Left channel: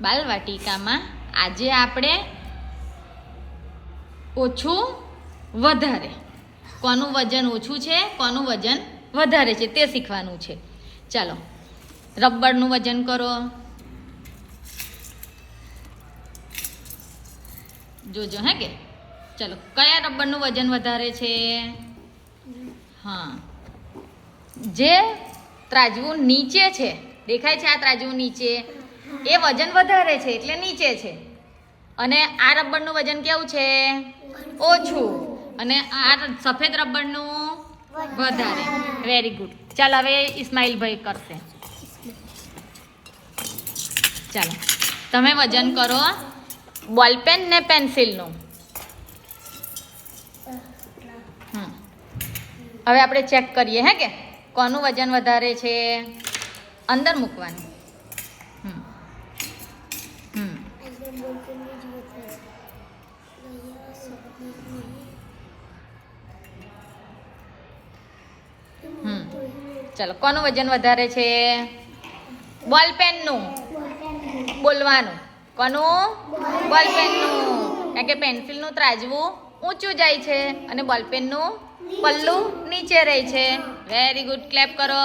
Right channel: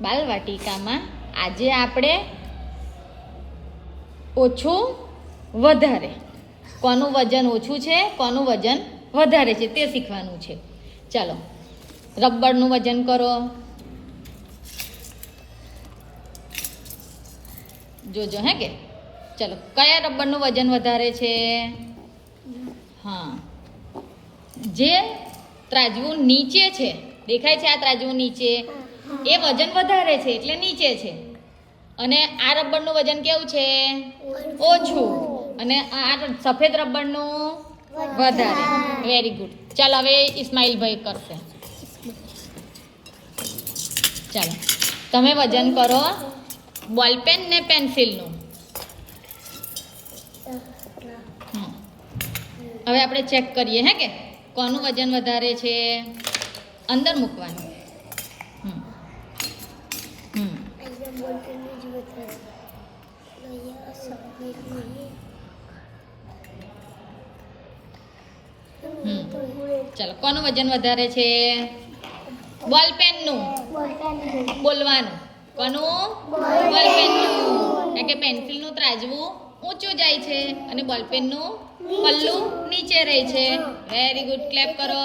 બાલવાટિકામાં આજે આપણે ઓછું વધારે, કોનું વજન ઓછું છે કોનું વજન વધારે છે તે શીખવાનું છે. ચાલો, રબરનું વજન કરો. જોજો હે કે ચાલો, કયા રબરનું વજન વધારે છે? હા, જે ત્રાજવું નીચે છે, દેખાય છે આ ત્રાજવું નીચે, એ વજન વધારે છે એટલે નીચે છે. અને આ રબરનું વજન કેવું છે? ઓછું. અને આ સફેદ રબરનું વધારે. Very good. ચાલ હવે ઇસ્માઇલભાઈ કરશે. ચાલો, તમે વજન કરો બોલપેન ને પેન્સિલનું. હવે આપણે ચેક કરીએ હે કે કોનું વજન વધારે છે. અંદર મૂકવાનું. ચાલો, કોનું વજન વધારે છે? બોલપેનનું. બોલવાનું. કોનું? બોલપેનનું. કારણ કે પેન્સિલનું ત્રાજવું ઊંચું જાય છે અને બોલપેનનું પલ્લું નીચે રહે છે. વેરી ગુડ, ક્લેપ કરો.